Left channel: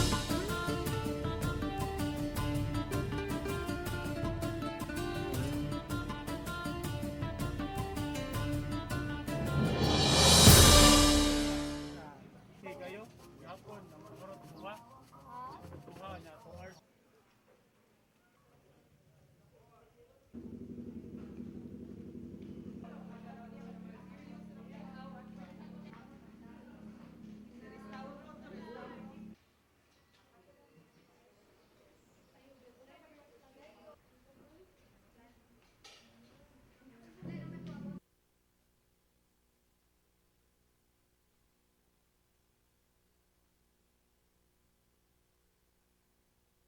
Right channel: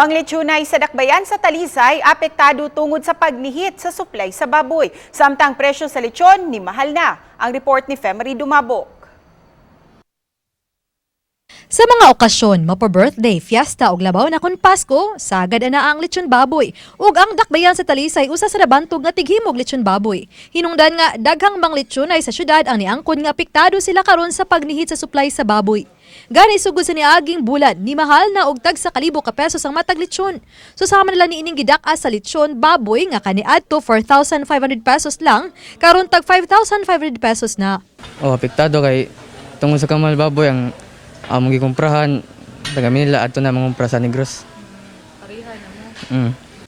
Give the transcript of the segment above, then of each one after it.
Manglechunay sa dakbayan sa Talisay, apektado tungod sa pagnihit sa suplay sa baboy. Samtang presyo sa lechon, nimahal na. Ang report ni Femery Dumabo. Sa mga okasyon, mapo-birthday, fiesta ug labaw na kon Pasko, sagad na ang lechon baboy. Ug ang dakbayan sa Talisay usa sa nabantog nga tighimog lechon baboy. Hinungdan nga daghang manglechunay sa syudad ang niangkon nga apektado sila karon sa pagnihit sa supply sa baboy. Gani sugod sa niaging bulan, nimahal na og tag sa kalibo ka pesos ang matag lechon. Susama nila niining gidak-a sa lechon baboy nga kaniadto 4,500 pesos lang, karon tag 5,500 pesos na. Apektado kay tungod sa kamal baboy ang mong gikumprahan, tagamin nila ato na mangumpra sa Negros.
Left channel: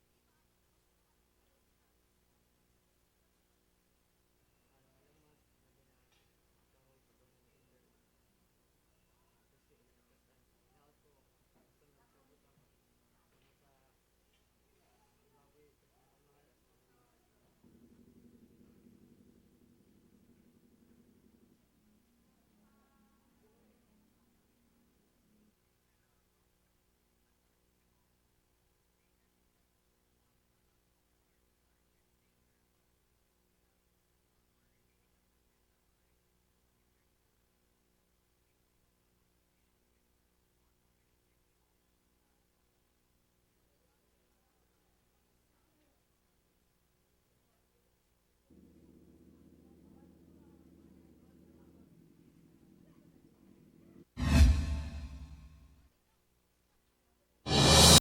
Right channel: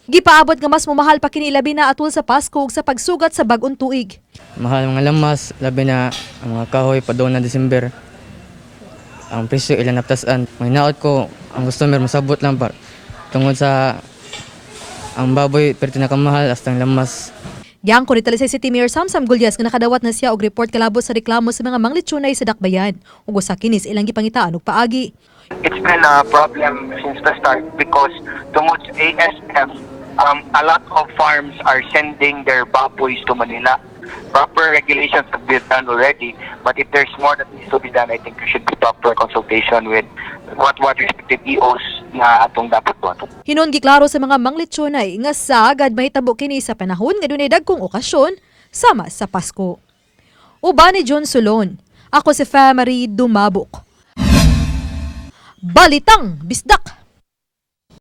Gipaabot nga mas mamahal pa kini labi na atul sa Pasko ug sa pagsugat sa bag-ong tuig. Mahal mga lamas, labi na ang mga kahoy padong na December. Ang presyo ilan naptasan. May naot ko, ang customer masabot lang par. Tungod sa ang baboy perti na kamahal hasta ang lamas. Giyang ko ni Talisay City Mayor Samsam Gulyas nga nakadawat na siya og report kalabot sa reklamo sa mga manglechunay sa dakbayan. Ug usa kinis ilang gipangitaan og paagi. It's been a problem since the start because tungod sa ASF, a lot of farms are sending their baboys to Manila. Proper regulations have been done already, but if there's more that needs to be done, I think there should be proper consultation with what respective EOs na atong dapat buhaton. Hinon giklaro sa mga manglechunay nga sagad mahitabo kini sa panahon nga dunay dagkong okasyon sama sa Pasko. Uban ni John Solon, ako si Femery Dumabok. Balitang Bisdak.